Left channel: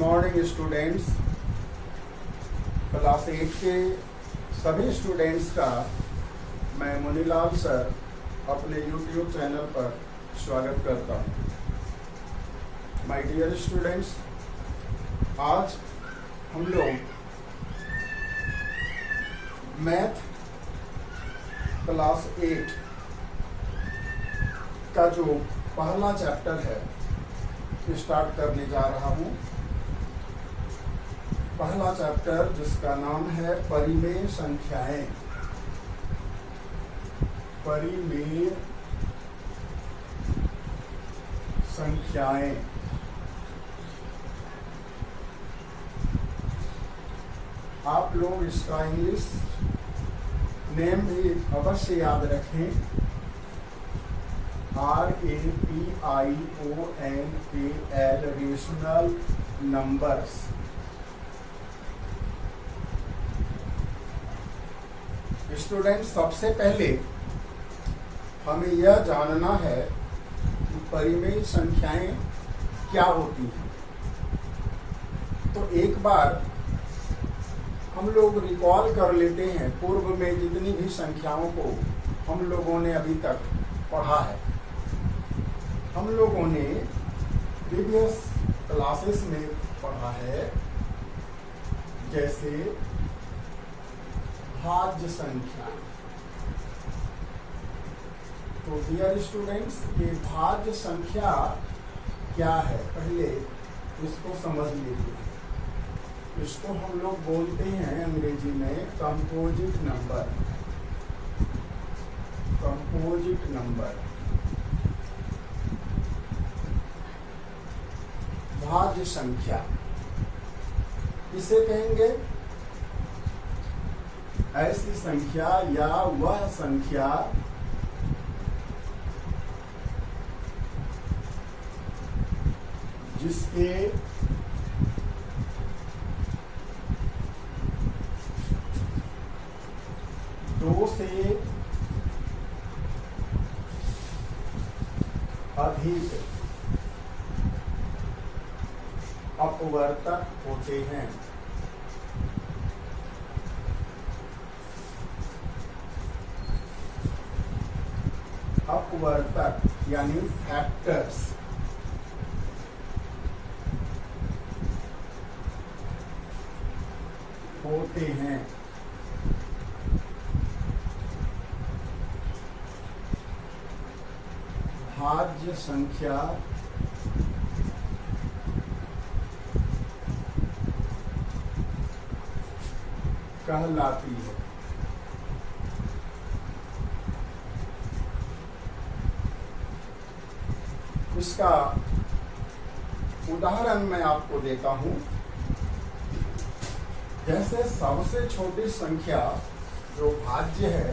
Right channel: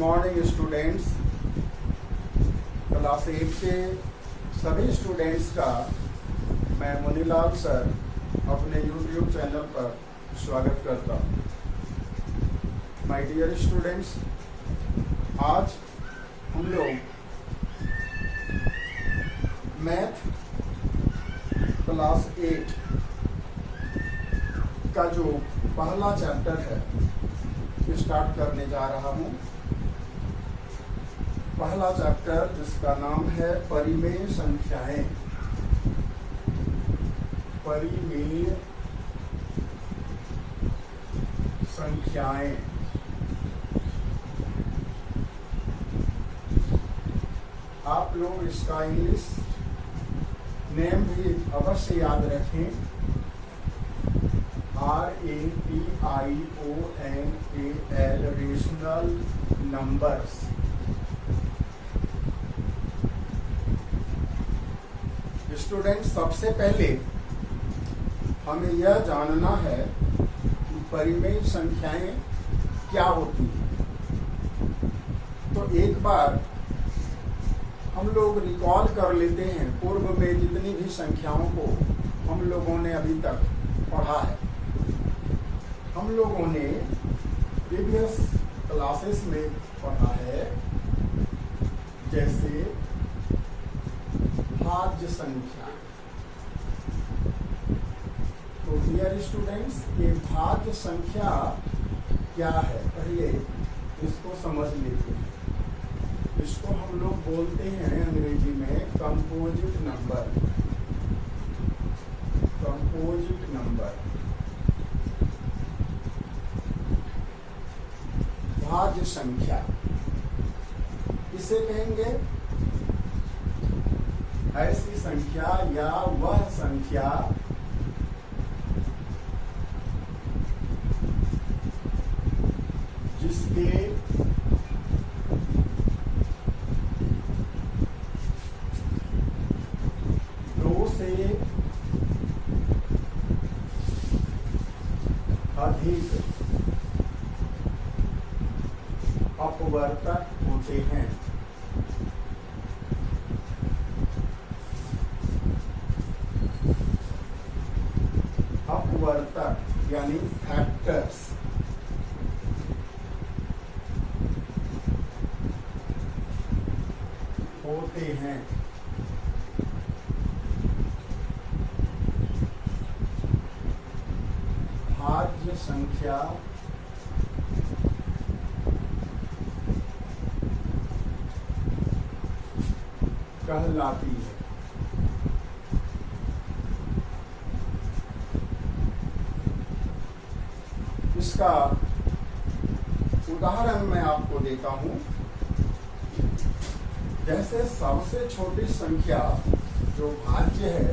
Morning students. Class 8 के सभी students का मैं मुनीलाल सर अपने YouTube चैनल पर स्वागत करता हूँ। माय डियर स्टूडेंट्स, आज हम लोग मैथ क्लास 8 का जो पहला चैप्टर है स्टार्ट करने जा रहा हूँ। पहला चैप्टर जिसका नाम है परिमेय संख्याएं। परिमेय संख्याएं। आप लोग इसका इंग्लिश नेम भी अवश्य याद रखें। RATIONAL rational numbers. स्टूडेंट, सबसे पहले हमें यह जानना है कि परिमेय संख्याएं क्या होती हैं। तो एक बार हम लोग रिकॉल कर लेते हैं पूर्व में जितनी भी संख्याओं को हम लोगों ने अभी तक पढ़ा है। हम लोगों ने प्रीवियस क्लासेस में पढ़ा है, जैसे भाज्य संख्या। तो डियर स्टूडेंट्स, ये भाज्य संख्या क्या है पहले इसको समझ लेते हैं। इसको हम लोग बोलते हैं अंग्रेजी में कंपोजिट नंबर। कंपोजिट नंबर, भाज्य संख्या किसे कहेंगे? ऐसी संख्या या वह संख्या जिसके दो से अधिक अपवर्तक होते हैं। अपवर्तक यानी फैक्टर्स। होते हैं। भाज्य संख्या कहलाती है। इसका उदाहरण मैं आपको देता हूं। जैसे सबसे छोटी संख्या जो भाज्य है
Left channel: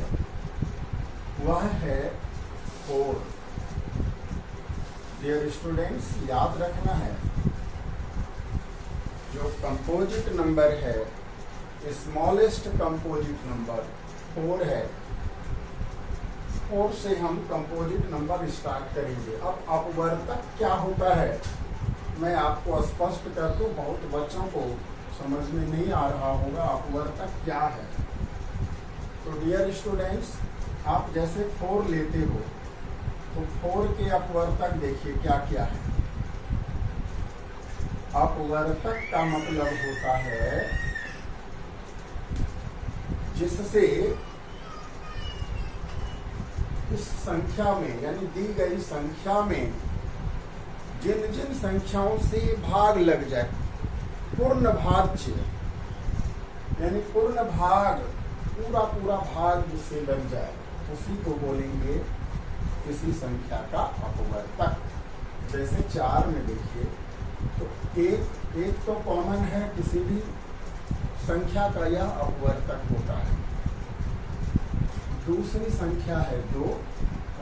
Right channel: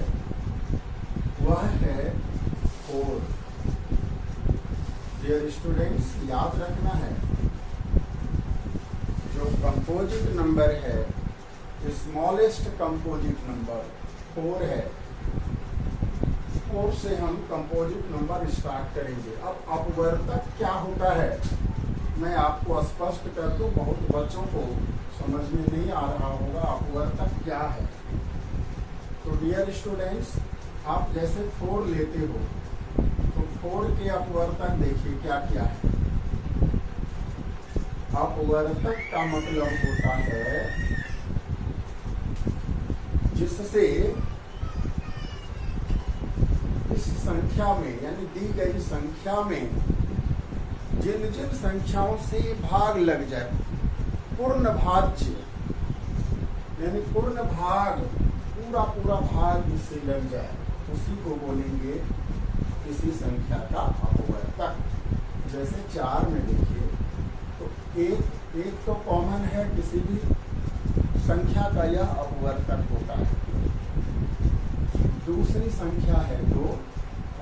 वह है 4। डियर स्टूडेंट्स, याद रखना है जो कंपोजिट नंबर है, स्मॉलेस्ट कंपोजिट नंबर 4 है। 4 से हम कंपोजिट नंबर स्टार्ट करेंगे। अब अपवर्तक क्या होता है मैं आपको स्पष्ट कर दूं, बहुत बच्चों को समझ में नहीं आ रहा होगा अपवर्तक क्या है। तो डियर स्टूडेंट्स, आप जैसे 4 लेते हो तो 4 के अपवर्तक देखिए क्या क्या है। अपवर्तक का मतलब होता है जिससे इस संख्या में यानी दी गई संख्या में जिन जिन संख्याओं से भाग लग जाए, पूर्ण भाज्य यानी पूर्ण भाग, पूरा पूरा भाग जिससे लग जाए उसी को बोलेंगे किसी संख्या का अपवर्तक। जैसे 4 में देखिए तो एक तो कॉमन है, किसी भी संख्या का यह अपवर्तक होता है। दूसरी संख्या है 2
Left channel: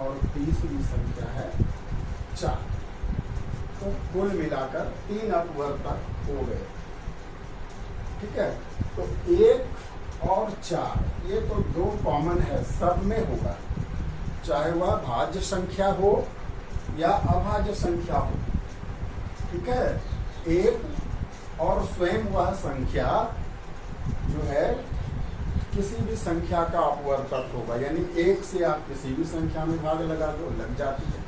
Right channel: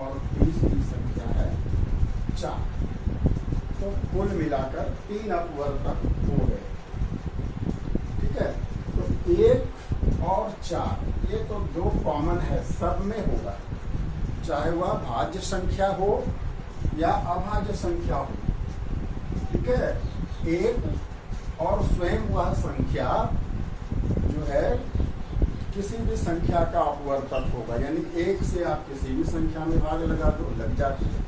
और तीसरी संख्या है 4। तो कुल मिलाकर 3 अपवर्तक हो गए। ठीक है, तो 1 और 4 ये तो 2 कॉमन है, सब में होगा, चाहे वह भाज्य संख्या हो या अभाज्य संख्या हो। ठीक है, 1 और स्वयं वह संख्या जो है किसी भी संख्या का अपवर्तक होगा, यानी 1 से आप किसी भी संख्या में भाग लगा दो लग जाती है।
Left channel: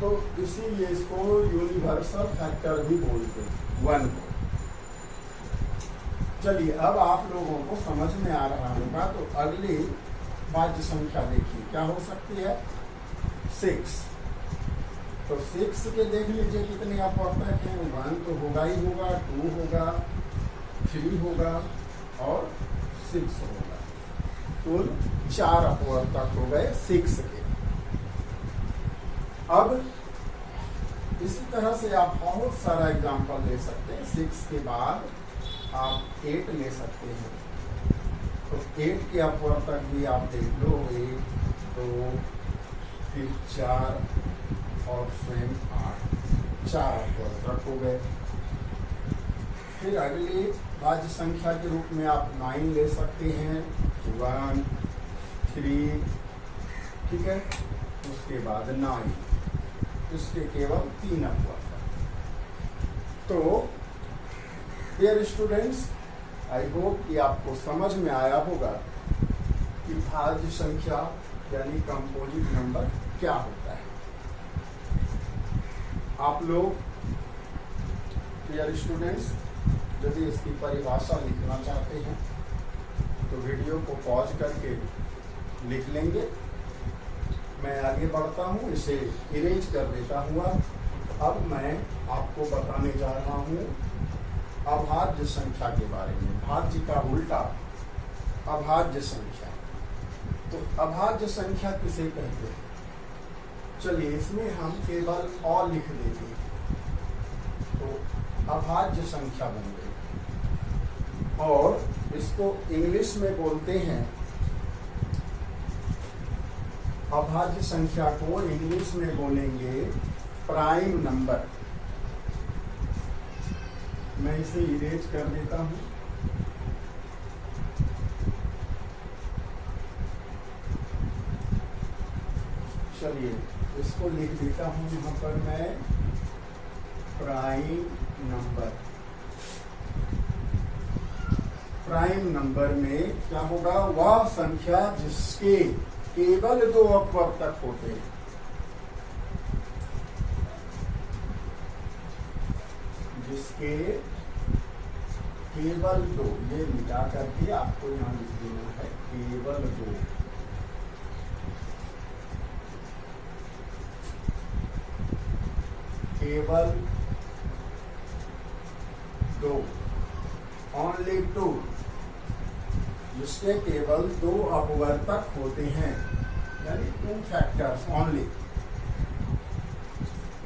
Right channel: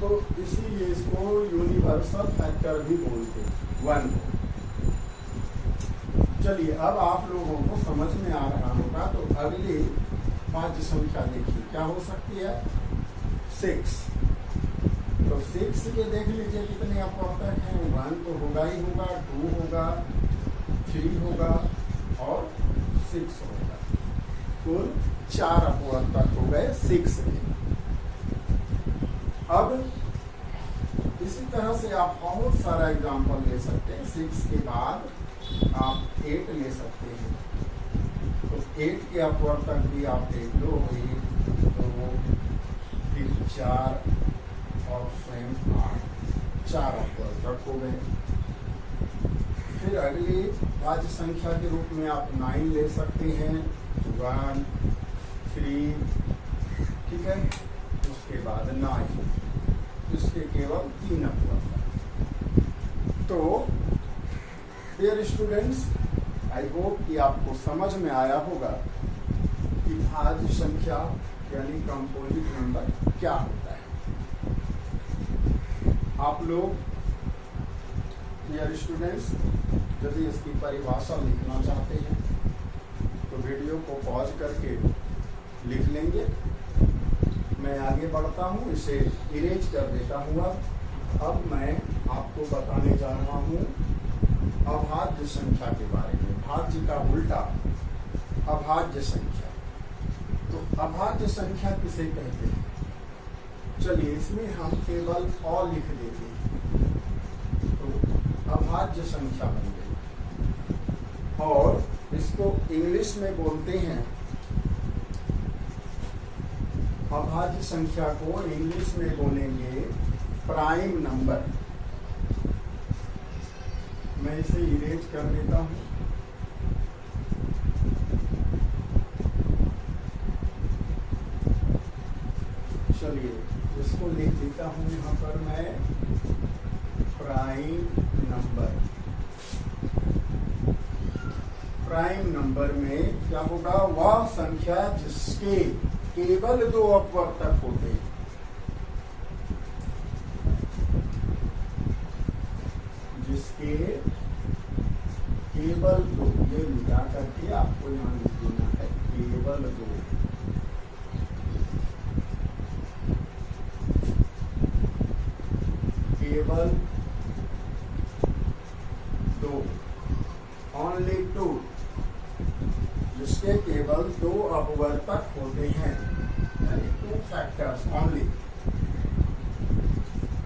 तो इसीलिए इसको यूनिवर्सल फैक्टर भी बोलते हैं 1 को। चलिए अब आप लोगों को समझ में आ रहा होगा, तो अगली भाज्य संख्या देखिए क्या हो सकती है 6। तो 6 के देख लीजिए कितने अपवर्तक हैं। 1 तो होगा ही होगा, 2 होगा, 3 होगा और 6 होगा। कुल 4 अपवर्तक हो गए 6 के। अब इसी तरह से आप बहुत सारा एग्जाम्पल ले सकते हैं। 6 के बाद आप 8 ले सकते हैं। तो 8 के अपवर्तक भी आप देख लो, 1 2 फिर 4 और स्वयं 8, 4 अपवर्तक हो गए। फिर अगली भाज्य संख्या के रूप में आप 9 ले सकते हैं, 1 3, ठीक है। उसके बाद 9, इसके केवल 3 अपवर्तक। तो डियर स्टूडेंट्स, आई होप कि आपको समझ में आया होगा कि भाज्य संख्या यानी कंपोजिट नंबर क्या होता है। आप लोग डियर स्टूडेंट्स यदि इसकी परिभाषा लिखना चाहते हैं तो वीडियो को पॉज करके लिख लेंगे। मैं आगे बढ़ता हूँ, इसे इरेज कर देता हूँ। अब मैं आपको बताने जा रहा हूँ अभाज्य संख्या के बारे में। भाज्य का उल्टा अभाज्य संख्या। तो अभाज्य संख्या किसे कहते हैं? चलिए इसमें हम केवल अ लिख देते हैं तो अभाज्य संख्या बन गई। और इसको इंग्लिश में बोलते हैं, अभाज्य संख्या को इंग्लिश में बोलेंगे प्राइम नंबर। मैं इसे इरेज कर देता हूं। चलिए इसको लिख देता हूं यहां पर मैं प्राइम नंबर। प्राइम नंबर में क्या होगा? वह संख्या जिसके केवल 2 अपवर्तक होते हैं। जिसके केवल 2, ये मिटा करके आपको यहां लिख देना है केवल 2। केवल 2, ओनली 2, जिसके केवल 2 अपवर्तक होते हैं, यानी 2 फैक्टर्स ओनली।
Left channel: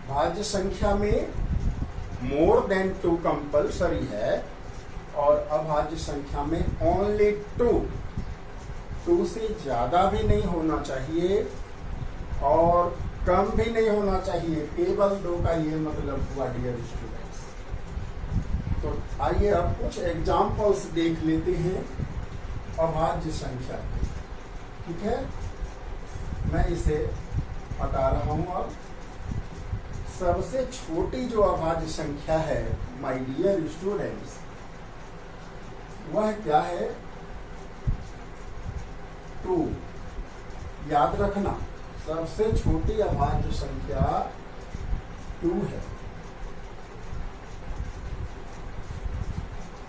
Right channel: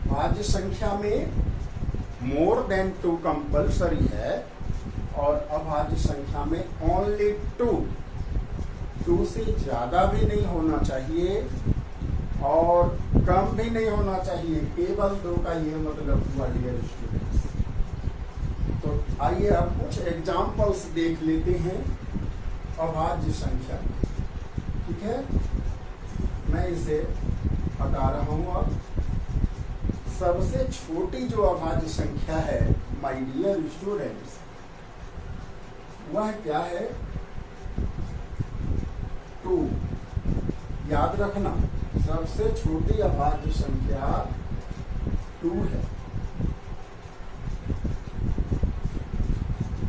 भाज्य संख्या में मोर देन 2 कंपल्सरी है और अभाज्य संख्या में ओनली 2। 2 से ज्यादा भी नहीं होना चाहिए और कम भी नहीं होना चाहिए। केवल 2 का ये मतलब हुआ डियर स्टूडेंट्स। तो आइए अब कुछ एग्जाम्पल्स देख लेते हैं अभाज्य संख्या में, ठीक है। मैं इसे बता रहा हूं। अब सबसे छोटी जो अभाज्य संख्या है माय डियर स्टूडेंट्स, वह क्या है? 2। याद रखना, सबसे छोटी अभाज्य संख्या 2 है।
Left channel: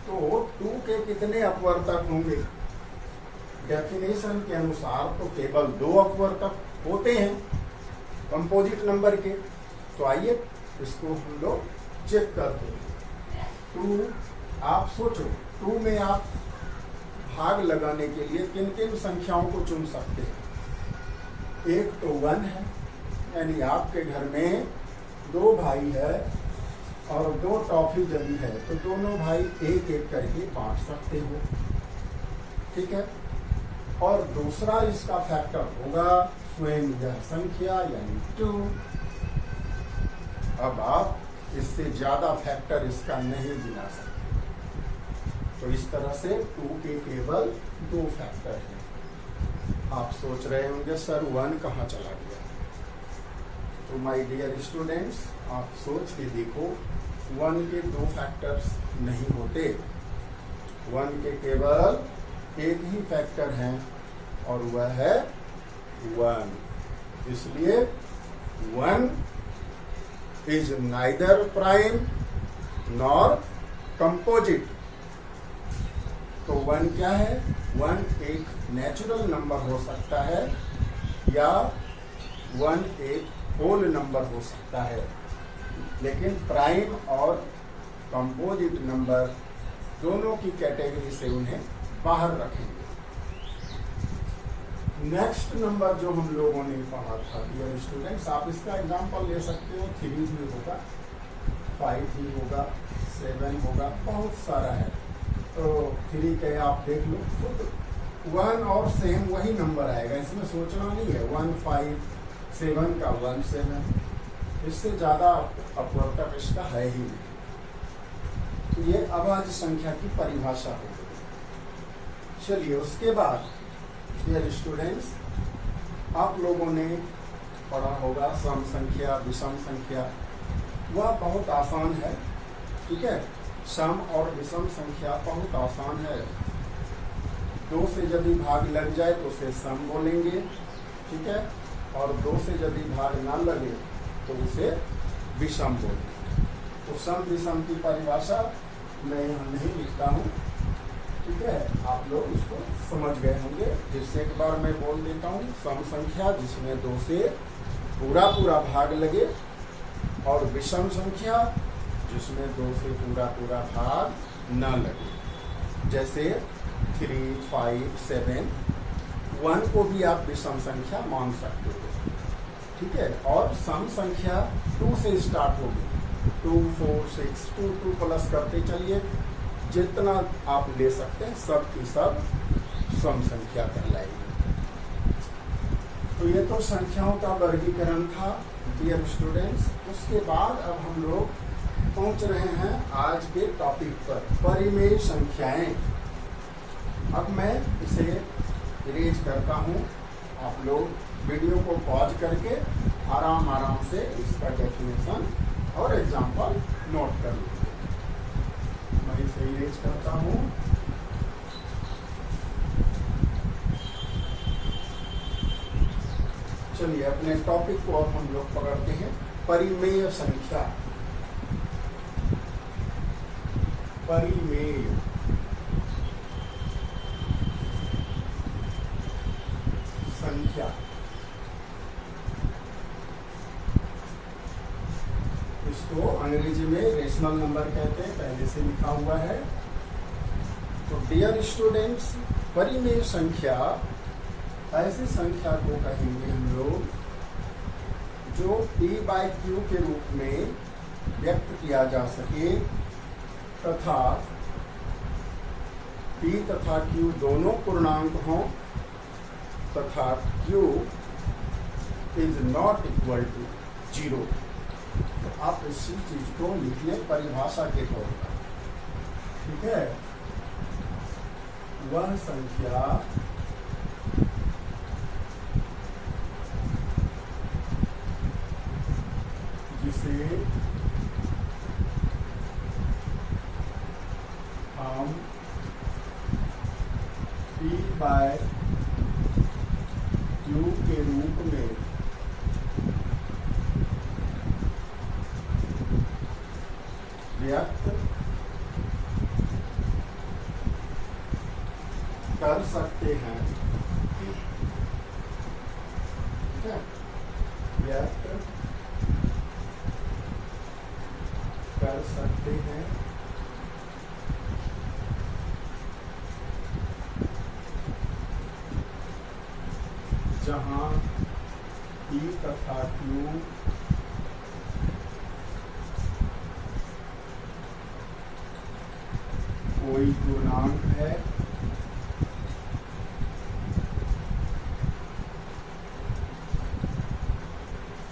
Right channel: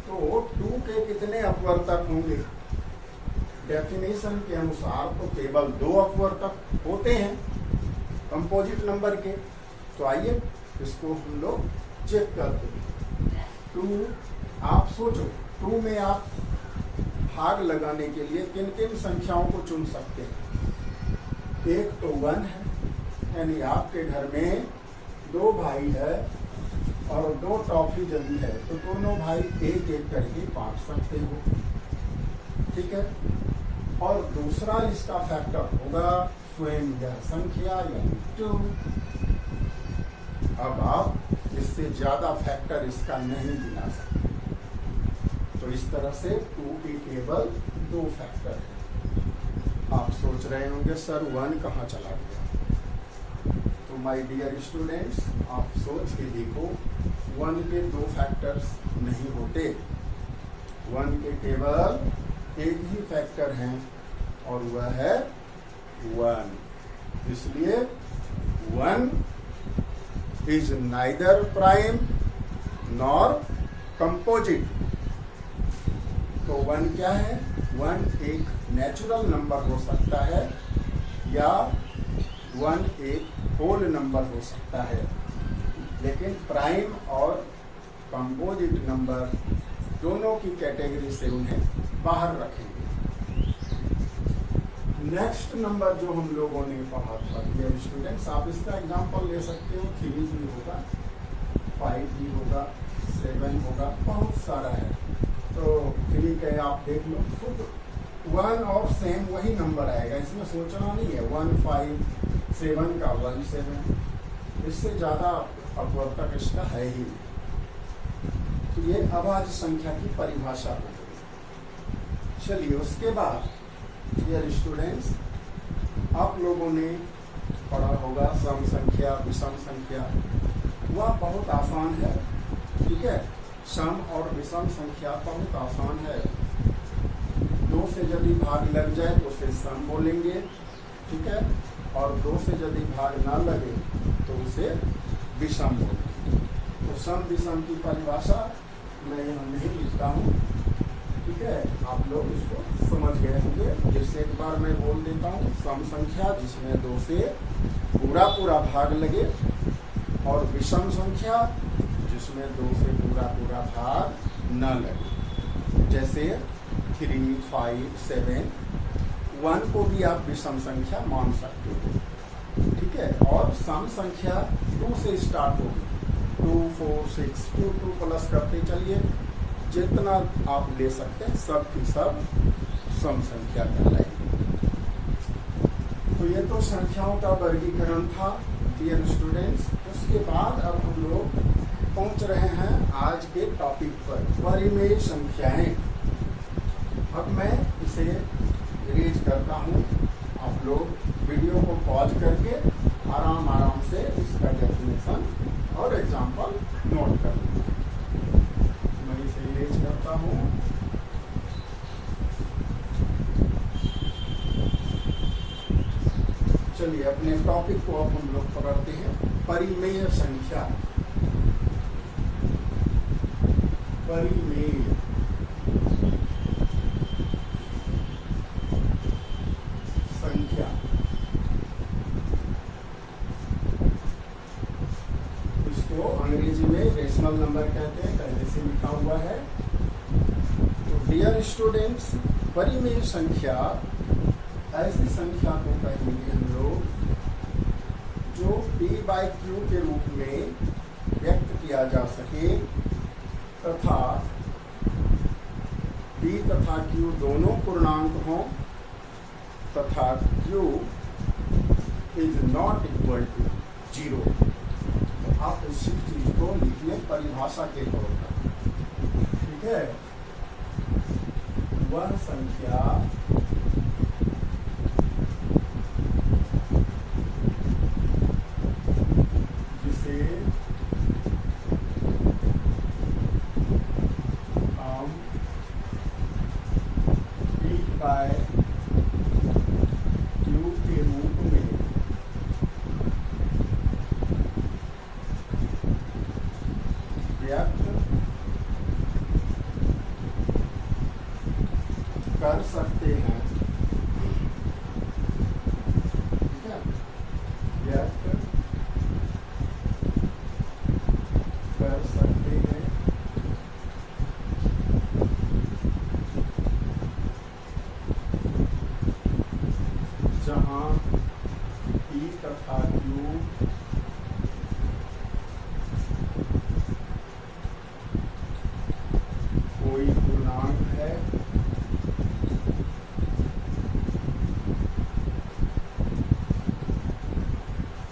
तो 2 के कितने अपवर्तक होंगे? डेफिनेशन के अनुसार तो केवल 2 अपवर्तक होते हैं कंपोजिट नंबर के। तो आइए इसको हम लोग चेक करते हैं। 2, आप सोचो 2 में आप भाग लगाने के लिए किन किन संख्याओं को चुन सकते हैं? एक तो 1 है, यानी आपके घर में 2 भाई है और 2 टॉफी जमी है, तो दोनों भाई एक एक करके बांट सकते हो, ठीक है। और दूसरा इसका फैक्टर होगा स्वयं यह संख्या यानी 2। अब आप इससे ज्यादा फैक्टर इसका नहीं गिना सकते। तो इस तरह से 2 के केवल 2 फैक्टर हैं। आप सोच रहे होंगे सर 1 कहाँ चला गया? तो माय डियर स्टूडेंट्स, आप सोच के देखो 1 के 2 फैक्टर्स नहीं होते, 1 के केवल एक ही फैक्टर हैं और वह है 1। इसलिए 1 is neither prime nor composite. तो 1 क्या है? 1 एक नेचुरल नंबर हो सकता है या 1 एक होल नंबर हो सकता है, लेकिन प्राइम और कंपोजिट नंबर दोनों की कैटेगरी से उन्हें बाहर रखेंगे। नेक्स्ट नंबर जो हम लोगों ने पढ़ा था डियर स्टूडेंट्स, आप इसका एग्जांपल ले सकते हो, 3 भी होगा, 5 भी होगा, 7 होगा, बहुत सारा है। तो 3 के आप देख लो, खुद 1 और सेम वही नंबर आएगा, इसमें सोचना नहीं है। 1 5 7 का 1 7, इससे ज्यादा अपवर्तक इसका है ही नहीं। तो ये अभाज्य संख्या की परिभाषा हो गई। चलिए उसके बाद डियर स्टूडेंट्स, आप लोगों ने पढ़ा होगा सम संख्या, विषम संख्या। वह बहुत आसान है, ठीक है। सम और विषम संख्या बहुत आसान है। 2 से यदि भाग लग जाए तो उसे सम बोलेंगे, ठीक है, और 2 से यदि भाग ना लगे तो उसे विषम बोलेंगे। तो सम विषम की परिभाषा मैं यहाँ नहीं लिखता हूँ, ठीक है, आप लोग इसको समझ गए होंगे। जैसे एक बार मैं बोल देता हूँ, सम संख्या जिसमें 2 से पूरा पूरा भाग लगे, और विषम संख्या जिसमें 2 से पूरा पूरा भाग न लगे। जैसे 3 5 7, 1 को भी आप विषम संख्या मान सकते हो, ठीक है। और सम संख्या 2 से स्टार्ट होगी, 2 4 6 2 2 प्लस करते चलिए, जितना आप ले सकते हैं सब की सब सम संख्या कहलाएगी। तो ये तो संख्याओं का वर्गीकरण था डियर स्टूडेंट्स। उसके बाद अब हम लोग पहुंच रहे हैं आज के टॉपिक पर, परिमेय संख्याएं। अब मैं इसे इरेज करता हूं, आप लोग वीडियो को पॉज करके आराम आराम से इसका डेफिनेशन और एग्जाम्पल नोट कर लीजिए। मैं इसे इरेज करता हूं। चलिए अपने टॉपिक को अब हम लोग पकड़ते हैं, परिमेय संख्या। परिमेय संख्या, इसको अंग्रेजी में रेशनल नंबर कहते हैं, पहले से लिखा हुआ है। तो डियर स्टूडेंट्स, परिमेय संख्या ऐसी संख्या को कहेंगे हम लोग जो p/q के रूप में व्यक्त किया जा सके, तथा p तथा q दोनों पूर्णांक हों, तथा q is not equal to 0। आप इस चीज को लिखिए परिभाषा के तौर पर, ठीक है। वह संख्या जिसे हम p/q के रूप में व्यक्त कर सकते हैं, ठीक है, व्यक्त कर सकते हैं, जहां p तथा q कोई पूर्णांक है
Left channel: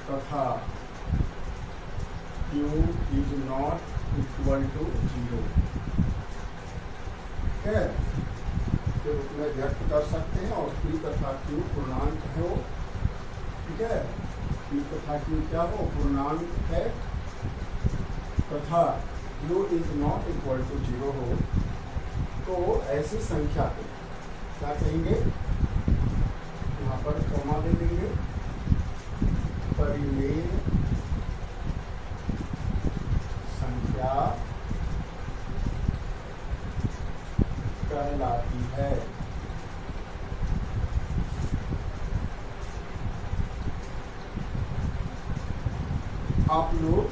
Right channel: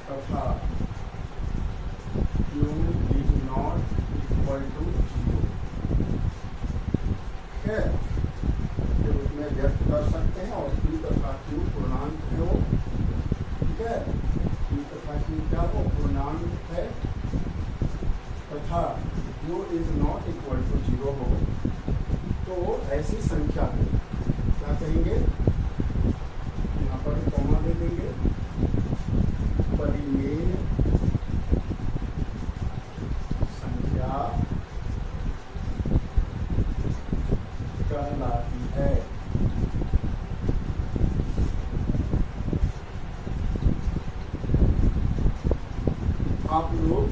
तथा q is not equal to 0 है, के रूप में व्यक्त कर सकते हैं। और p तथा q पूर्णांक है वो, ठीक है, p तथा q क्या हो, पूर्णांक है, तथा u is not equal to 0 हो तो ऐसी संख्या को क्या कहेंगे, यहाँ पर कॉमा दे देंगे, परिमेय संख्या कहलाती है। आप लोग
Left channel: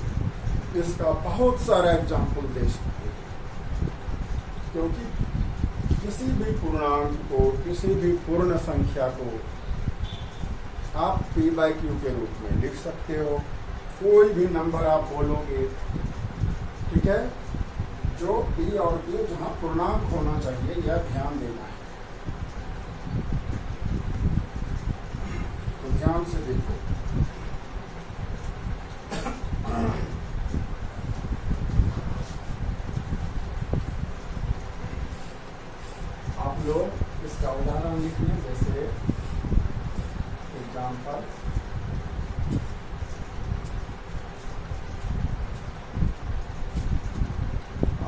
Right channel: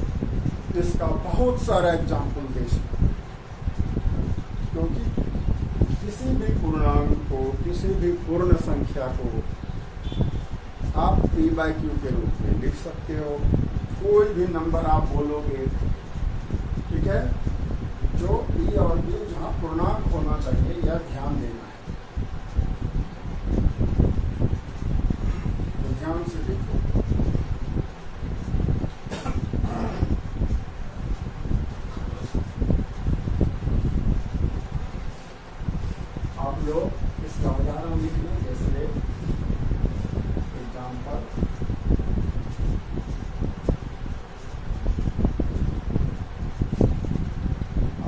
इसका बहुत सारा एग्जाम्पल दे सकते हैं, क्योंकि किसी भी पूर्णांक को, किसी भी पूर्ण संख्या को आप p/q के रूप में लिख सकते हो। कोई भी नंबर आप बोलोगे, ठीक है, जो p और q जहां पूर्णांक होना चाहिए, यह ध्यान देना है। तो ध्यान से देखो, आप लोग इसका उदाहरण लिख लें। जैसे एग्जाम्पल,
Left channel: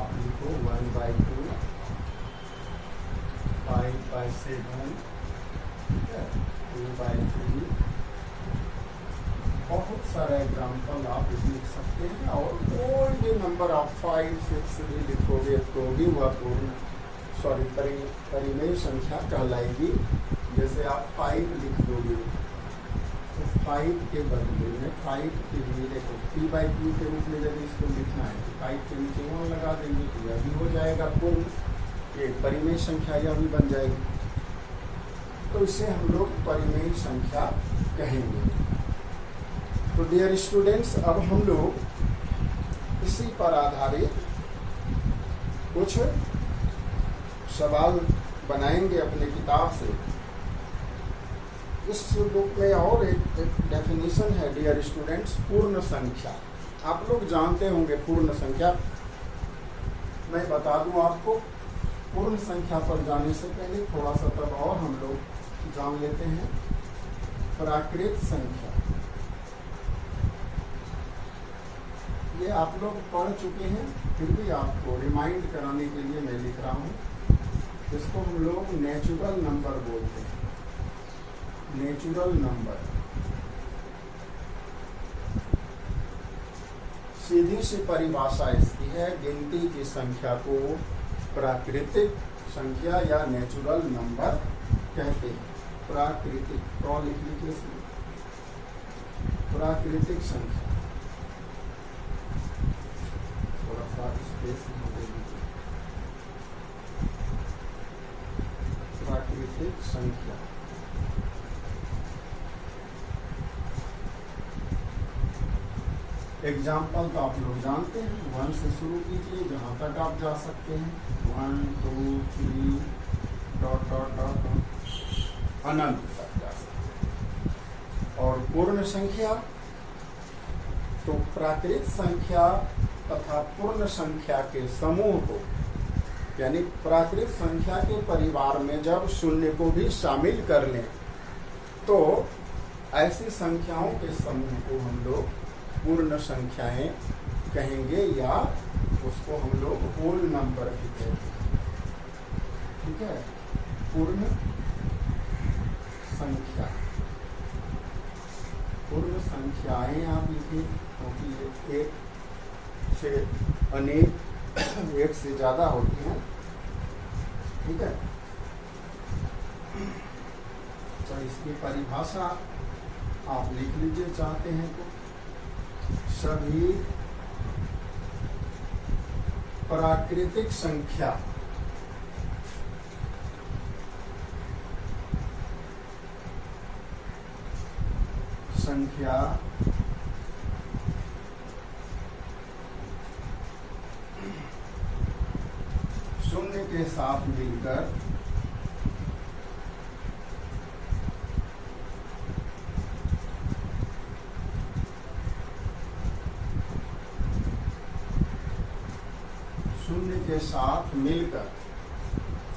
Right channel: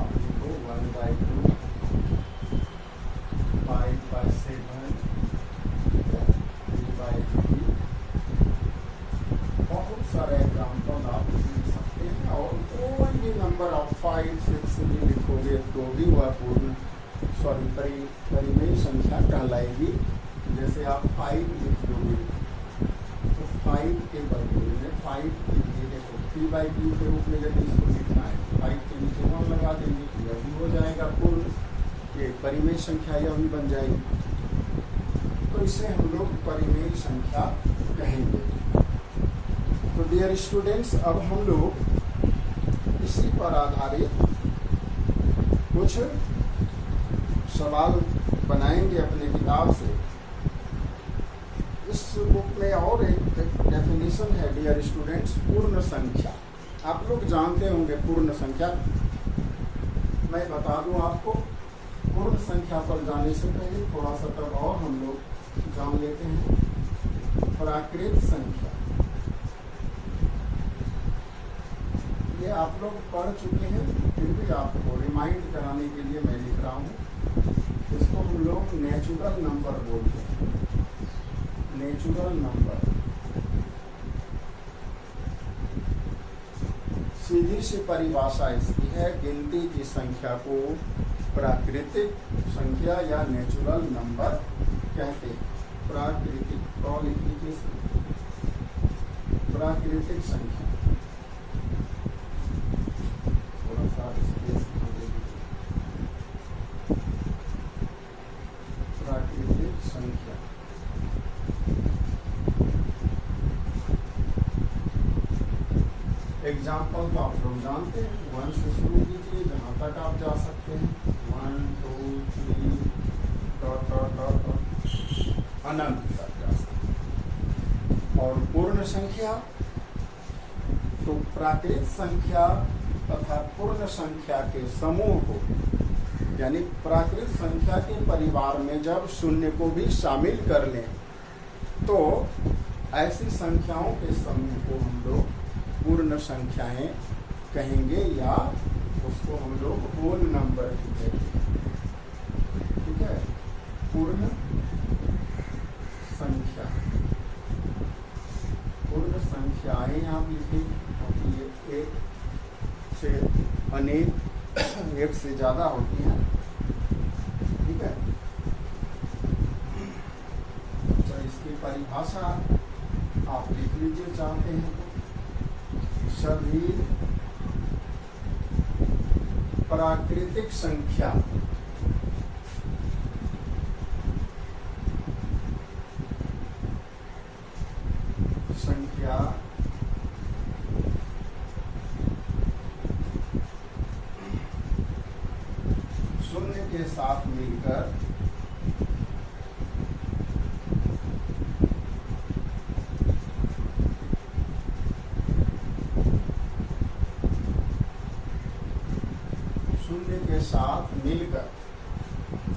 आप लिखो 1/2 5/7 2/3। बहुत सारे एग्जाम्पल आप लिख सकते हैं, और कोई भी नंबर आप 5, 6 भी लिखोगे तो भी वह पूर्ण परिमेय संख्या कहलाएगी। जैसे आप 5 लिख दोगे तो 5 के बदले में 5 के लिए देखो p/q के रूप में यदि इसको लिखना है, 5 के नीचे 1 लगा देंगे तो यह भी हो जाएगा पूर्ण, ये परिमेय संख्या यह भी बन जाएगी। तो इसे हम लोग परिमेय संख्या कहेंगे। तो डियर स्टूडेंट्स, अब हम लोग इसी पर आधारित कुछ सवाल बनाएंगे अपने किताब से। इस बुक में और एक डेफिनेशन है डियर स्टूडेंट्स, पूर्ण संख्या। आप लोग जानते होंगे पूर्ण संख्या, मैं बता दूं आपको। पूर्ण संख्या पर जाने से पहले थोड़ा सा तब और हम लोग जान लेते हैं प्राकृत संख्या। ये आप लोग पढ़ चुके हैं, फिर भी आपको रिमाइंड कराने के लिए मैं लिख रहा हूँ। इसको हम लोग नेचुरल नंबर बोलते हैं। नेचुरल नंबर सीधी सी परिभाषा इसकी है, गिनती की संख्या को प्राकृतिक संख्या या नेचुरल नंबर कहते हैं। प्राकृतिक और लिख लीजिए, प्राकृतिक संख्या, थोड़ा सा स्पेस दे दीजिए। प्राकृतिक संख्या एग्जाम्पल तो आप लोग जानते हैं, 1 से शुरू कीजिए, जहां तक आप जा सकते हैं, 1 2 3 डॉट डॉट डॉट अनंत तक जा सकते हैं। और पूर्ण संख्या तो प्राकृत संख्या तथा पूर्ण संख्या के समूह को, यानी प्राकृत संख्या के परिवार में जब शून्य को भी शामिल कर लें तो ऐसी संख्याओं के समूह को हम लोग पूर्ण संख्याएं कहेंगे, या उसको हम लोग होल नंबर भी कहते हैं। ठीक है, पूर्ण संख्या, पूर्ण संख्याएं आप लिखें, क्योंकि ये एक से अनेक, एक से ज्यादा होती हैं। ठीक है, चलो इसकी परिभाषा आप लिख लीजिए चाहते हैं तो। सभी प्राकृतिक संख्या शून्य के साथ मिलकर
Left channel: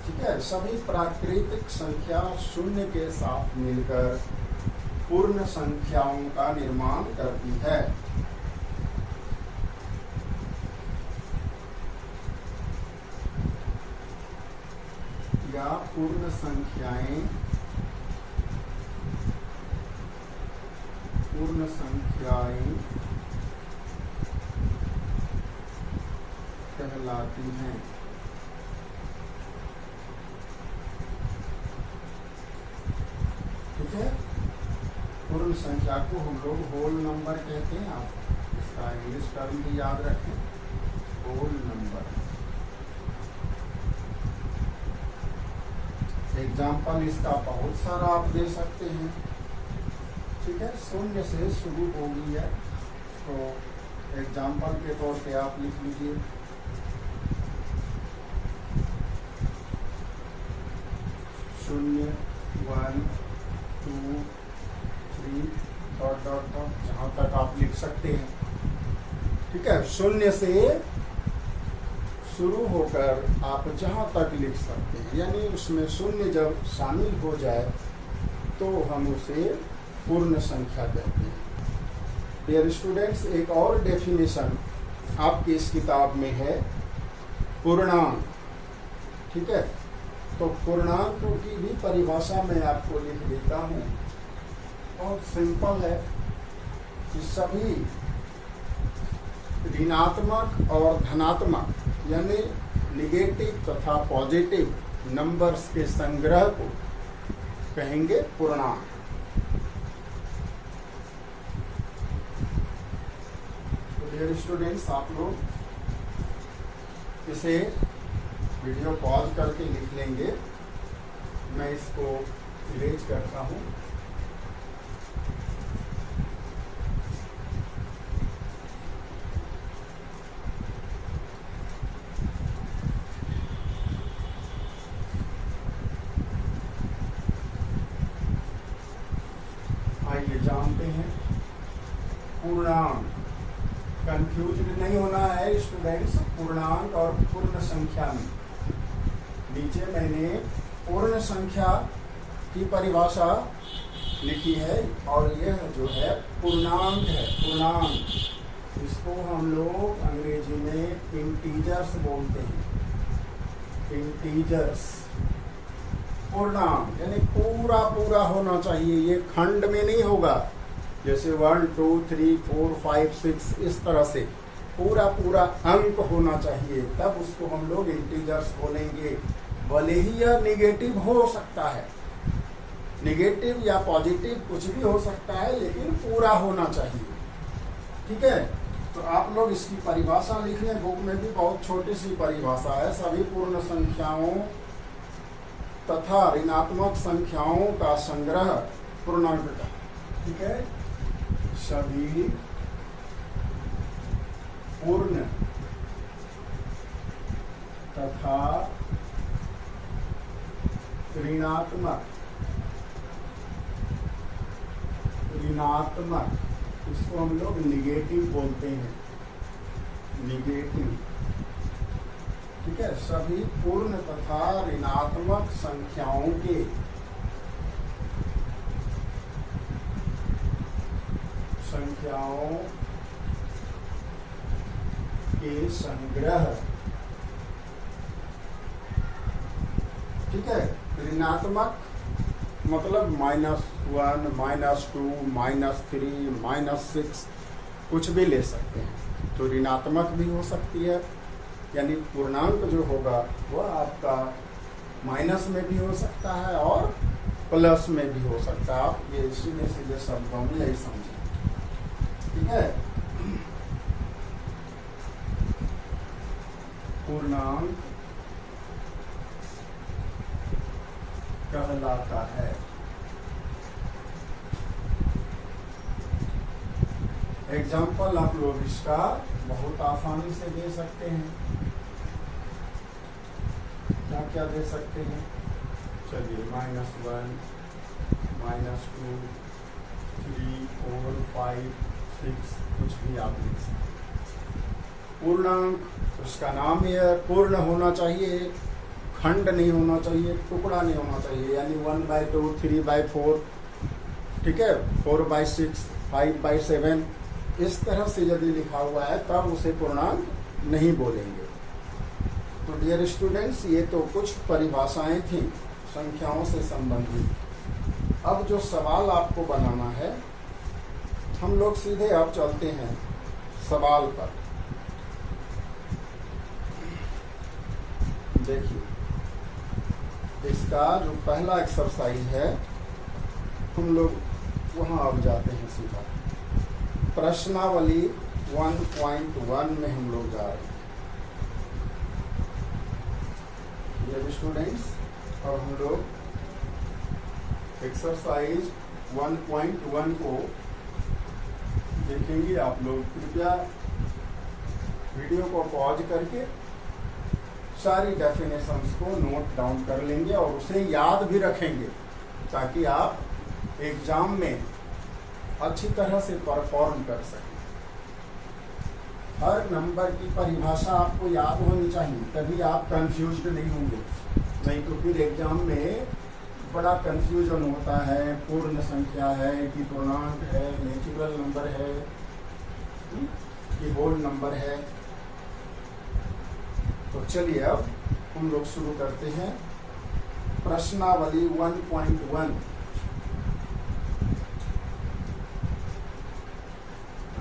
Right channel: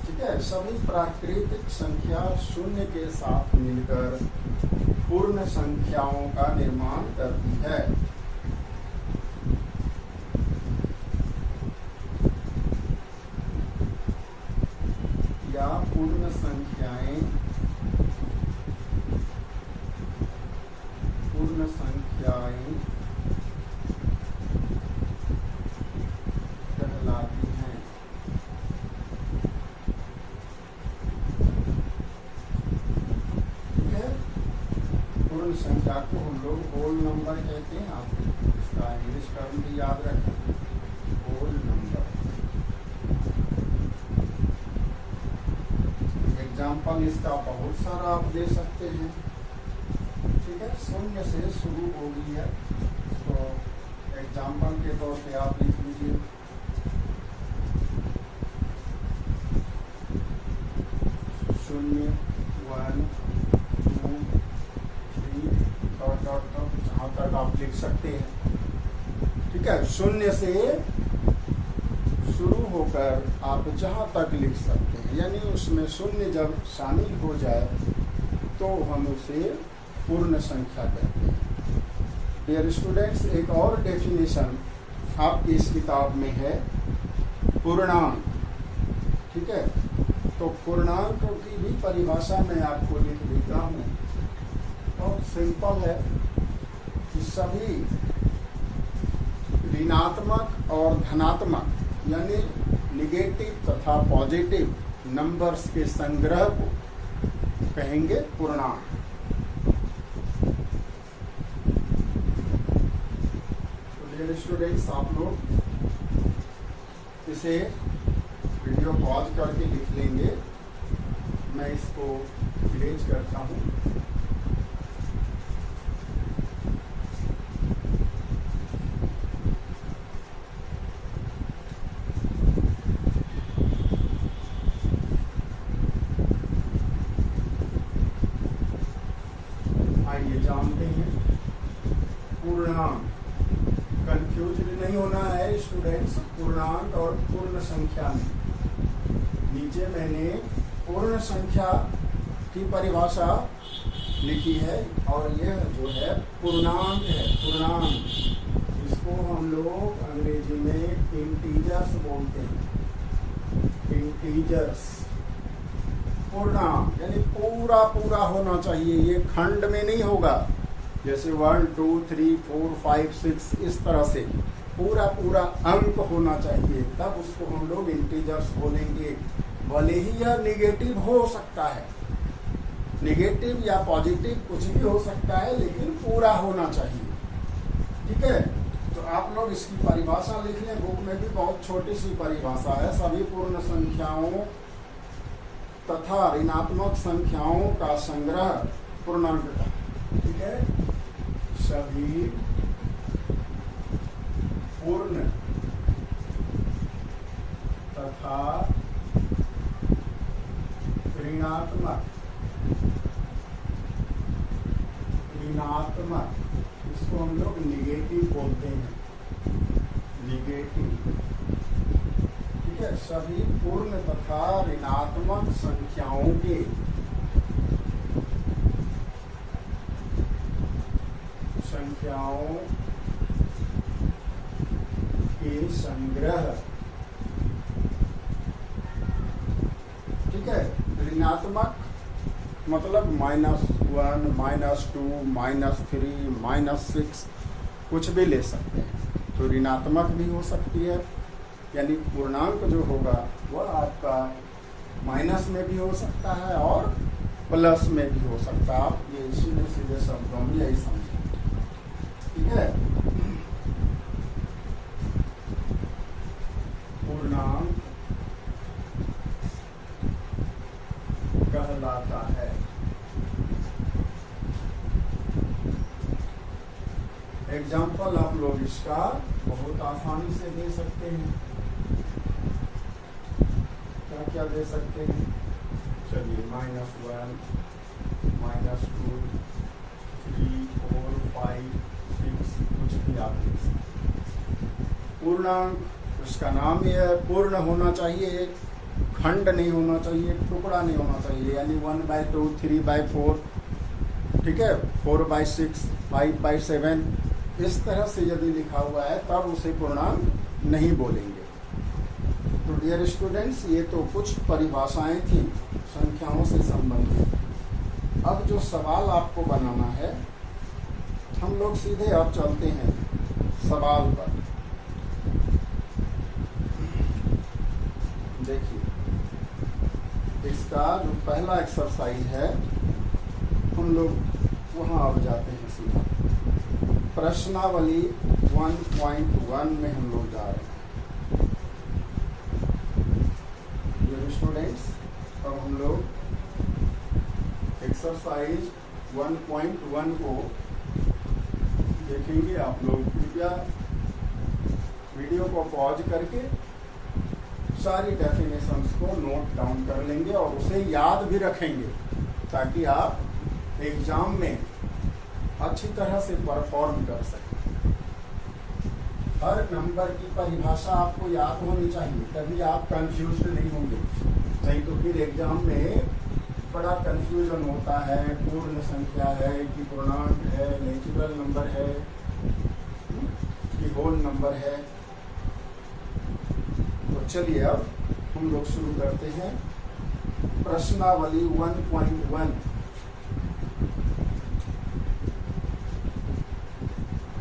ठीक है, सभी प्राकृतिक संख्या शून्य के साथ मिलकर पूर्ण संख्याओं का निर्माण करती है। या पूर्ण संख्याएं कहलाती हैं। ठीक है, पूर्ण संख्या को हम लोग होल नंबर कहते हैं। आप इसका इंग्लिश टर्म भी याद रखें, होल नंबर। एग्जाम्पल इसका बहुत सारा आप दे सकते हैं। ठीक है, शून्य से शुरू होगी है, तो एग्जाम्पल के तौर पे आप लिख लीजिए। शून्य, 1, 2, 3 डॉट डॉट डॉट, जहां तक आप लिख सकते हैं। ठीक है, शून्य से शुरू होकर आप जहां तक लिख सकते हैं, यानी उसमें शून्य जब शामिल हो जाए तो हम उसे पूर्ण संख्या कहते हैं। डियर स्टूडेंट्स, एक और डेफिनेशन आपकी इस किताब में है, पूर्णांक। ठीक है, तो पूर्णांकों की भी परिभाषा मैं आपको लिख देता हूँ। बहुत सिंपल है कि सभी ऋणात्मक और धनात्मक यानी निगेटिव तथा पॉजिटिव नंबर्स के संग्रह को कहेंगे पूर्णांक। तो डियर स्टूडेंट्स, आप लोग इसे वीडियो पॉज करके लिख लेंगे। मैं इसको इरेज करता हूँ। आइए जानते हैं पूर्णांक। कंफ्यूज नहीं होना है स्टूडेंट्स, पूर्णांक और पूर्ण संख्या में। नीचे मैंने पूर्ण संख्या की परिभाषा लिखी है और यह जो है पूर्णांक है। पूर्णांक, इसको हम लोग अंग्रेजी में इंटीजर्स बोलते हैं। इंटीजर्स, पूर्णांक यानी पूरा पूरा होना चाहिए, ये खंड में नहीं होगा। जैसे 1, 2, 3, 4, 5, 6 इस तरह से पूरा पूरा अंक होना चाहिए, तब उसको हम लोग इंटीजर्स बोलेंगे। भले ही यह निगेटिव हो सकता है, निगेटिव या पॉजिटिव कुछ भी हो सकता है, लेकिन पूरा होना चाहिए। ठीक है, तो आप लोग इसकी परिभाषा लिख लें। बुक में भी बहुत छोटी सी परिभाषा है। सभी पूर्ण संख्याओं तथा ऋणात्मक संख्याओं का संग्रह पूर्णांक का। ठीक है, सभी पूर्ण तथा ऋणात्मक इसको हम लोग निगेटिव बोलते हैं, निगेटिव। ठीक है, सभी पूर्ण तथा ऋणात्मक संख्याओं के संग्रह। ठीक है, ऋणात्मक मतलब -1, -2, -3, -6 कुछ भी ले सकते हैं। तो ऋणात्मक भी हो सकती है, यानी पूर्णांक जो होगा वह आपका माइनस में भी हो सकता है और प्लस में भी हो सकता है। आप ये सीधे सीधे शब्दों में यही समझें। ठीक है, पूर्णांक कहलाता है। एग्जाम्पल आप लोग इसका बहुत आसानी से दे सकते हैं। क्या क्या दे सकते हैं? चलिए, -1, -2, 3, 4, 5, 6 कुछ भी आप लिख सकते। पूर्णांक, उसका नाम यह है, पूर्ण होना चाहिए, खंड नहीं होना चाहिए, टुकड़ा नहीं होना चाहिए। यानी 1/2, 3/4, ठीक है, 4/6, 5/7 इस तरह से यदि लिखा हुआ है तब उसे पूर्णांक नहीं बोलेंगे। तो डियर स्टूडेंट्स, ये तो कुछ परिभाषाएं थी संख्याओं से संबंधित। अब जो सवाल आपको बनाना है, हम लोग सीधे अब चलते हैं सवाल पर। देखिए, इसका जो पहला एक्सरसाइज है, हम लोग वहां अब जाते हैं सीधा प्रश्नावली 1.1 में हम लोग जा रहे हैं। स्टूडेंट्स, अब हम लोग एक्सरसाइज 1.1 को देखेंगे। आप लोग कृपया वीडियो को पॉज करके सारी डेफिनेशंस को नोट डाउन कर लेंगे और उसे याद भी रखेंगे, ताकि आप एग्जाम में अच्छी तरह से परफॉर्म कर सकें। हर नंबर की परिभाषा आपको याद होनी चाहिए, तभी आप कंफ्यूज नहीं होंगे। नहीं तो फिर एग्जाम में बड़ा कंफ्यूजन होता है। पूर्ण संख्या है कि पूर्णांक है, नेचुरल नंबर है कि होल नंबर है। तो चलिए अब हम लोग शुरू करते हैं प्रश्नावली 1.1।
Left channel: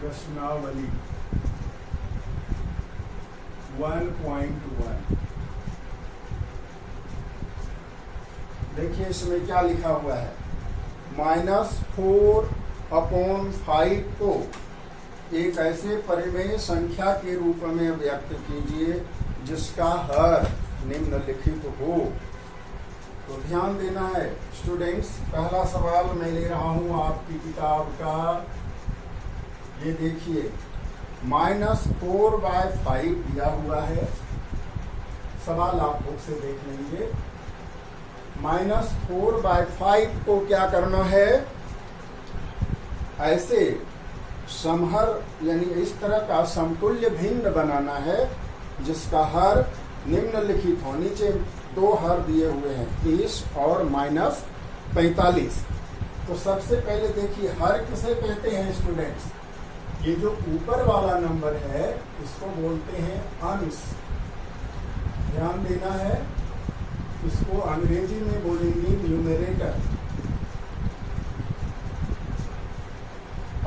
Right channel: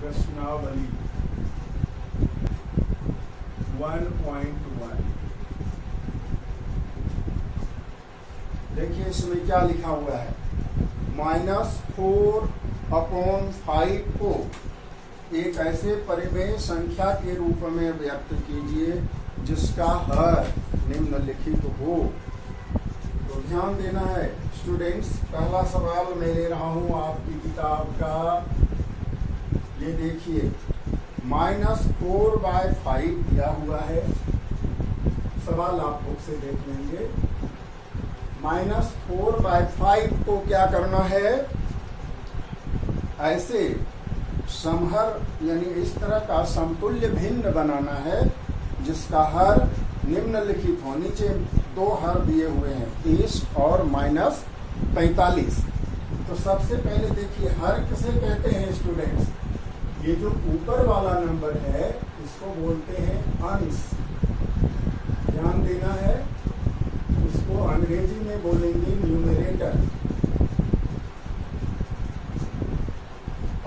प्रश्नावली 1.1। देखिए इसमें क्या लिखा हुआ है। -4/5 को एक ऐसे परिमेय संख्या के रूप में व्यक्त कीजिए जिसका हर निम्नलिखित हो। तो ध्यान देना है स्टूडेंट्स। पहला सवाल मैं ले रहा हूं आपकी किताब का। ये देखिए, -4/5 दिया हुआ है। सवाल आप बुक से देख लेंगे। -4/5 को क्या करना है, ऐसे समहर यानी इस तरह का समतुल्य भिन्न बनाना है जिसका हर निम्नलिखित हो। नीचे दो हर दिए हुए हैं, 30 और -45। तो सबसे पहले देखिए, हर किसे कहते हैं स्टूडेंट्स? ये जो ऊपर वाला नंबर है इसको बोलते हैं अंश। ध्यान देना है, इसको अंग्रेजी में बोलेंगे न्यूमरेटर।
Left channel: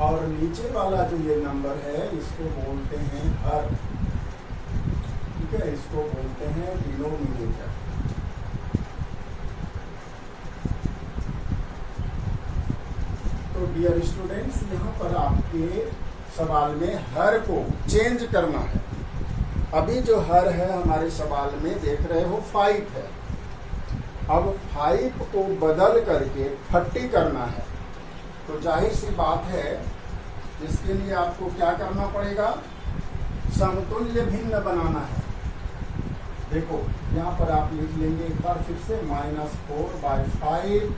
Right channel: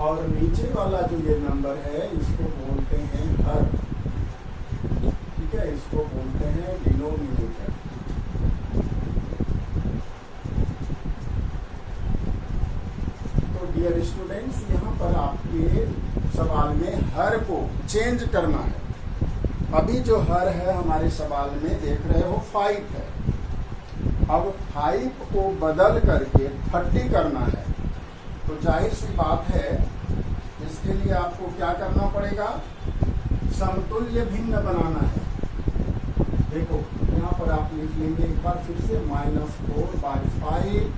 और नीचे वाला जो ये नंबर है इसको बोलते हैं हर। ठीक है, इसको बोलते हैं डिनोमिनेटर। तो डियर स्टूडेंट्स, यहाँ पर आपके सवाल में हर को चेंज करना है। अभी जो हर है हमारे सवाल में देख रहे हो 5 है। अब 5 को बदल करके 30 करना है। तो जाहिर सी बात है, इसके लिए आपको क्या करना पड़ेगा, समतुल्य भिन्न बनाना है। देखो यहाँ पर आप लिख लेंगे एक बार फिर से, -4/5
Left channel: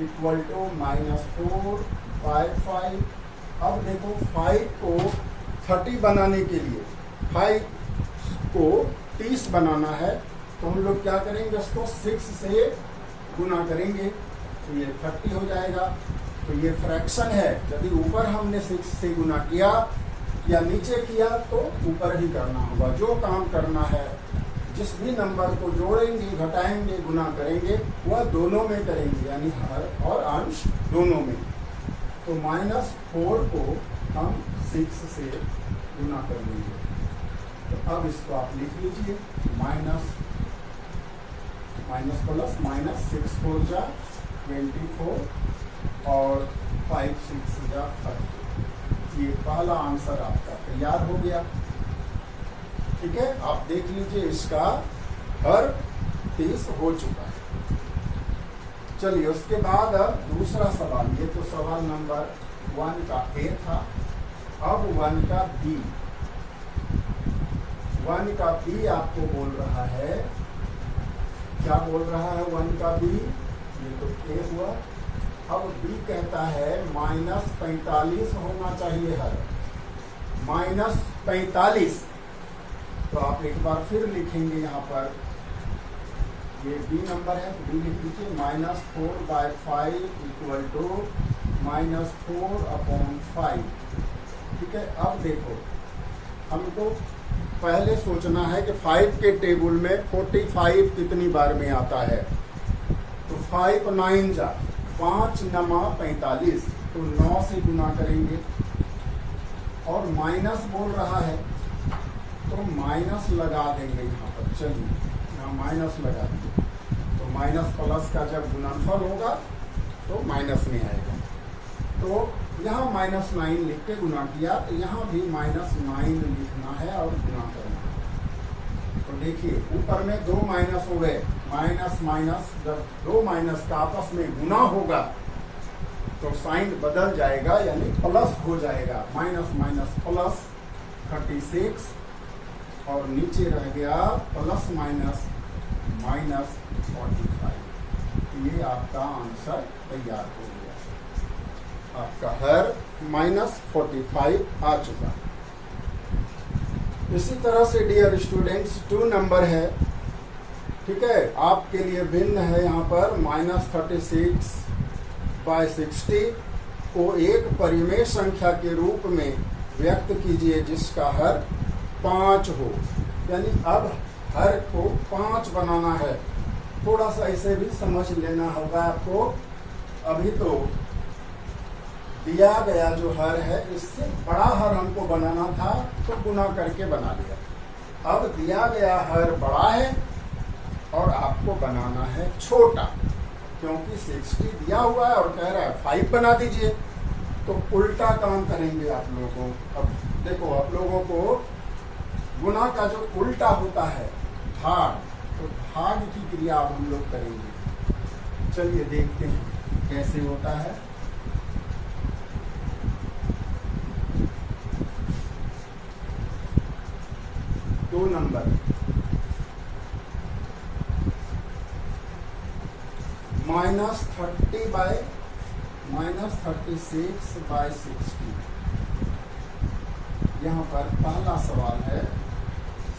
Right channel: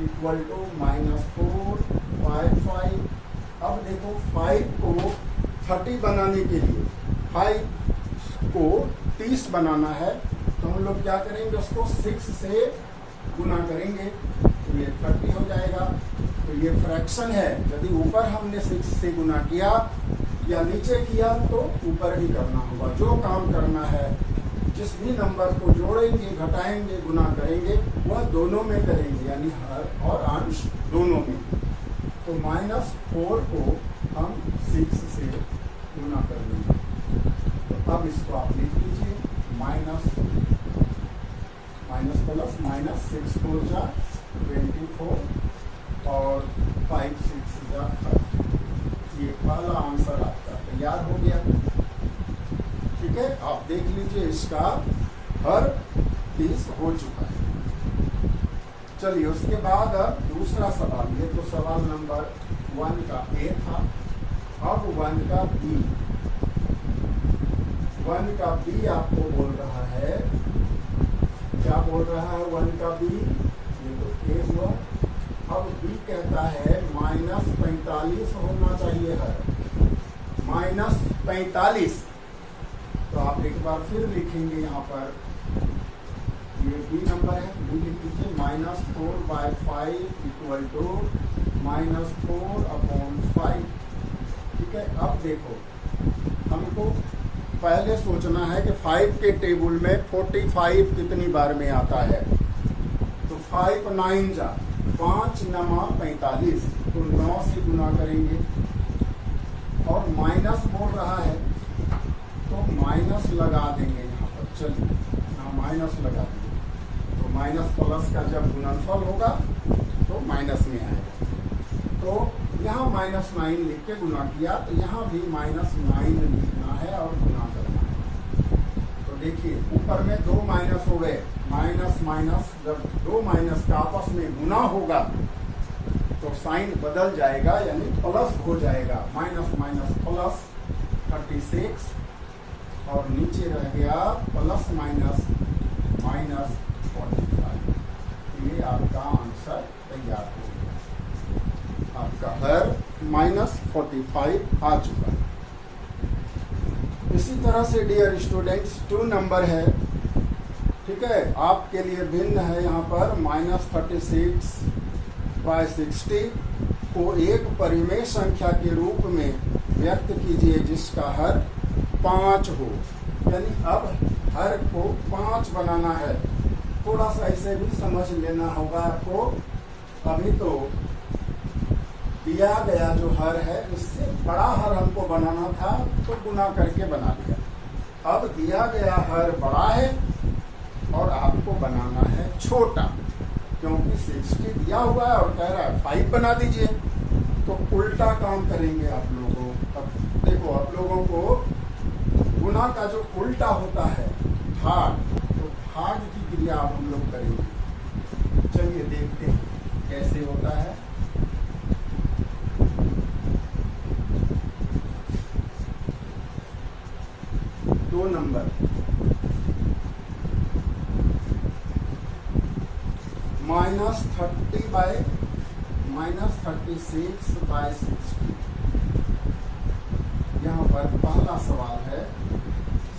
इक्वल टू -4/5। अब देखो 5 को 30 बनाने के लिए 5 को 30 बनाना है, तो हम लोग क्या करेंगे, उसको 6 से गुना करेंगे तो ये 30 हो जाएगा। तो ये फ्रैक्शन है, यदि ऊपर हमने 6 से गुना किया या नीचे किया तो ऊपर ही करना होगा। जो काम करना है, जिस भी नंबर को जोड़ेंगे, घटाएंगे, गुना करेंगे, वह दोनों में करेंगे, यानी हर और अंश दोनों में। तो -4 को हम 6 से गुना कर लेंगे। तो अब इसको आप लिख लीजिए, माइनस प्लस -6 4 जा 24 और 5 6 जा 30। ये पहला आंसर आपका तैयार हो गया। ठीक है, आप देख लीजिए, इसका हर 30 हो चुका है। चलिए उसके बाद अब दूसरा सवाल। ये तो सवाल नंबर 1 का ए था। अब 1 का बी। 1 का बी आपको बोल रहा है, क्या बोल रहा है 1 का बी? ये तो ए हुआ। अब बी कहता है -45 होना चाहिए हर, -45। तो आप एक बार फिर लिखेंगे यहाँ पर, ये बी नंबर है, बी लिख दीजिए, -4/5 इक्वल टू -4/5। ठीक है, अब देखो हमको पहले सोचना है कि 5 के टेबल में 45 कितनी बार में आता है। तो 5 9 जा 5 नमा 45, तो 9 से गुना करेंगे। और माइनस बोल रहा है तो माइनस लगा देंगे यहाँ पर। चलिए यहाँ माइनस लगा देंगे, तो माइनस प्लस का जब गुणनफल होगा तो माइनस में आएगा। तो यहाँ -9 लिख के गुना किया, तो यहाँ भी -9 लिखना है और गुना करना है। तो देखिए ऊपर में 2 माइनस हो गए, माइनस माइनस, जब 2 माइनस का आपस में गुना होगा तो साइन बदल जाएगा, यानी प्लस हो जाएगा। माइनस माइनस प्लस 36, और नीचे रह गया प्लस माइनस माइनस 45। ये आपका आंसर तैयार हो गया। आपका हर -45 आ चुका। इसी तरह से डियर स्टूडेंट्स 2 नंबर है, ठीक है, आपके लिए भिन्न है। यहाँ पर -36/60 को एक परिमेय संख्या के रूप में व्यक्त कीजिए जिसका हर 5 हो। यानी अब हर को 5 बनाना है। थोड़ा सा इसे भी समझ लेना होगा आपको। अभी तो दिया गया जो हर है इससे बड़ा हर हमको बनाना था, तो गुना करके बना लिया। अब दिया गया हर बड़ा है और आपको बनाना है छोटा, क्योंकि 60 दिया हुआ है और कह रहा है 5 बना दीजिए। तो उल्टा काम करेंगे आप लोगों। अब देखो, आप लोगों को गुना का जो उल्टा होता है भाग, तो भाग की क्रिया हम लोग करेंगे। चलिए देखते हैं कैसे होता है। दो नंबर -36/60। यहाँ पर पहला सवाल है,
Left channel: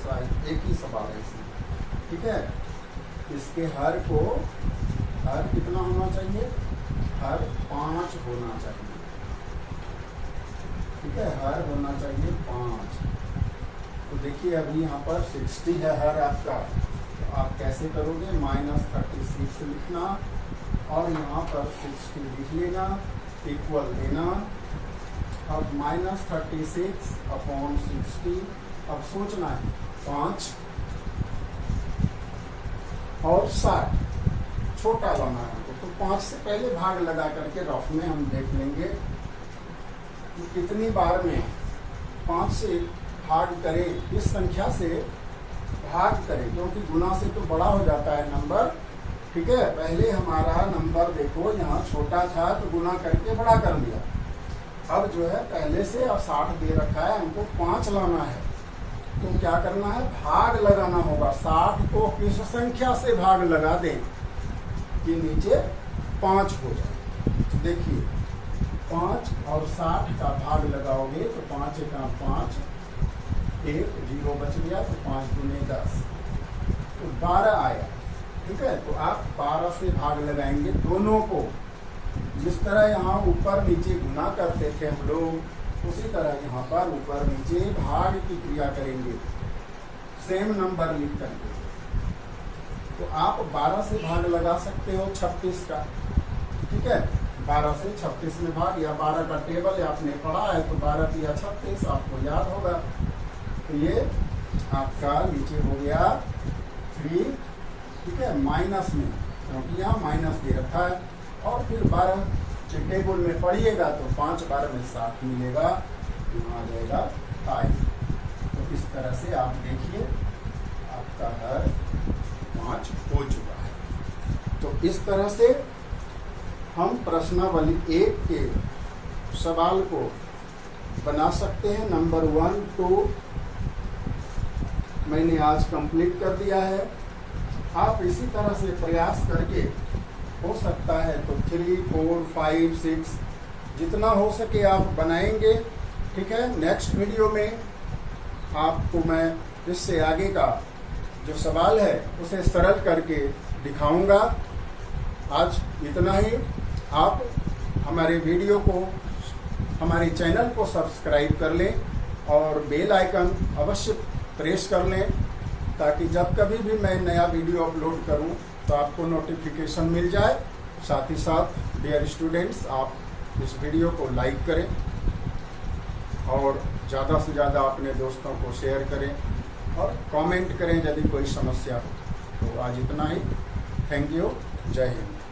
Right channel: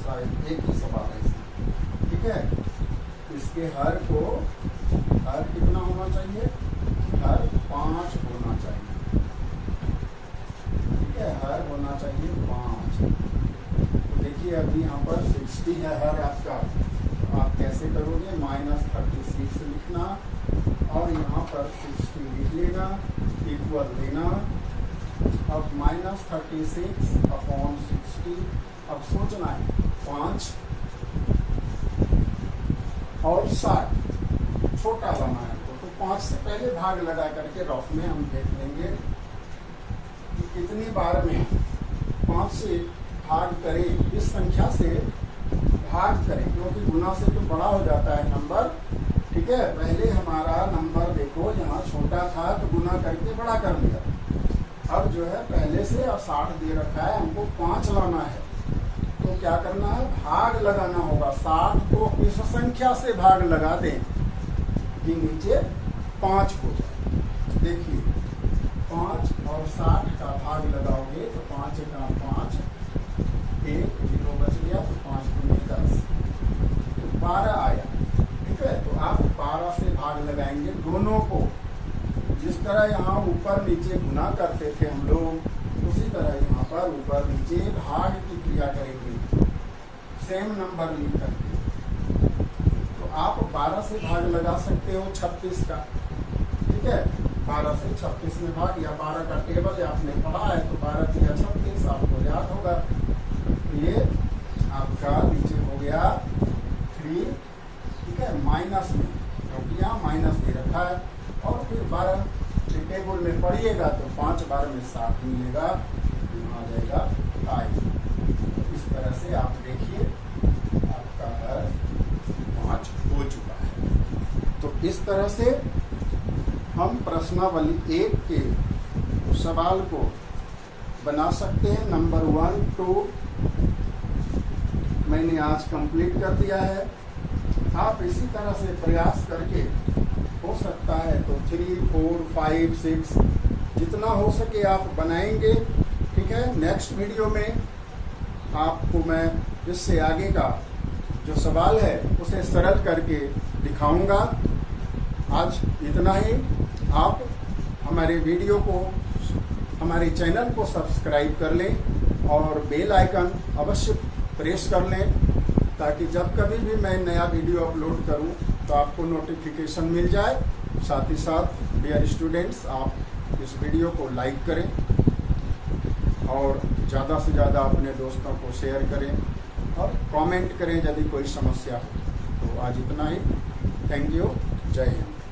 शायद एक ही सवाल है इसमें, ठीक है। इसके हर को, हर कितना होना चाहिए, हर 5 होना चाहिए, ठीक है, हर होना चाहिए 5। तो देखिए अभी यहाँ पर 60 है हर आपका, तो आप कैसे करोगे, -36 लिखना और यहाँ पर 60 लिख लेना, इक्वल देना। अब -36/60, अब सोचना है 5 और 60 छोटा लाना है। तो 5 से पहले भाग लगा करके रफ में हम देख लेंगे कि कितनी बार में 5 से भाग करें, इस संख्या से भाग करें, क्योंकि गुना से तो बड़ा हो जाता है नंबर, ठीक है। पहले हमारा नंबर देखो यहाँ छोटा था तो गुना करके बड़ा कर लिया। अब जो है पहले से अब 60 दे रखा है, हमको 5 लाना है, तो क्या करना है, भाग लगाना होगा। 60 को इस संख्या से भाग लगा दें कि नीचे 5 हो जाए। देखिए 5 और 60 का भाग लगाओगे तो 5 का 5, 1 0 बच गया, तो 5 दूनी 10, तो 12 आया, ठीक है। तो आप 12 से भाग लगाएंगे दोनों को। जिस तरह यहाँ ऊपर नीचे गुना करते थे हम लोग, उसी तरह यहाँ पर ऊपर नीचे भाग की क्रिया करेंगे, सेम नंबर लिख करके। तो आप 12 से भाग लगा सकते हो 36 का, ठीक है। 12 से 36 में भाग, या 12 का टेबल आपने पढ़ा है तो 12 तिया 36 आपको याद होगा। तो ये आपका नीचे हो गया 3, ठीक है, माइनस में, क्योंकि यहाँ माइनस दे रखा है। और फिर 12 के टेबल में पढ़िएगा तो 5 बार में 7 मिलेगा, यहाँ आ जाएगा 5। तो इस तरह से आप देखिए आपका हर 5 हो चुका है। तो इस तरह से हम प्रश्नावली 1 के सवाल को बना सकते हैं। नंबर 1 2 मैंने आज कंप्लीट कर दिया है। आप इसी तरह से प्रयास करके हो सकता है तो 3 4 5 6 जितना हो सके आप बनाएंगे, ठीक है। नेक्स्ट वीडियो में आपको मैं इससे आगे का जो सवाल है उसे सरल करके दिखाऊंगा। आज इतना ही। आप हमारे वीडियो को, हमारे चैनल को सब्सक्राइब कर लें और बेल आइकन अवश्य प्रेस कर लें, ताकि जब कभी भी मैं नया वीडियो अपलोड करूं तो आपको नोटिफिकेशन मिल जाए। साथ ही साथ डियर स्टूडेंट्स, आप इस वीडियो को लाइक करें और ज़्यादा से ज़्यादा अपने दोस्तों को शेयर करें और कमेंट करें यदि कोई समस्या हो। तो आज इतना ही। Thank you. जय हिंद।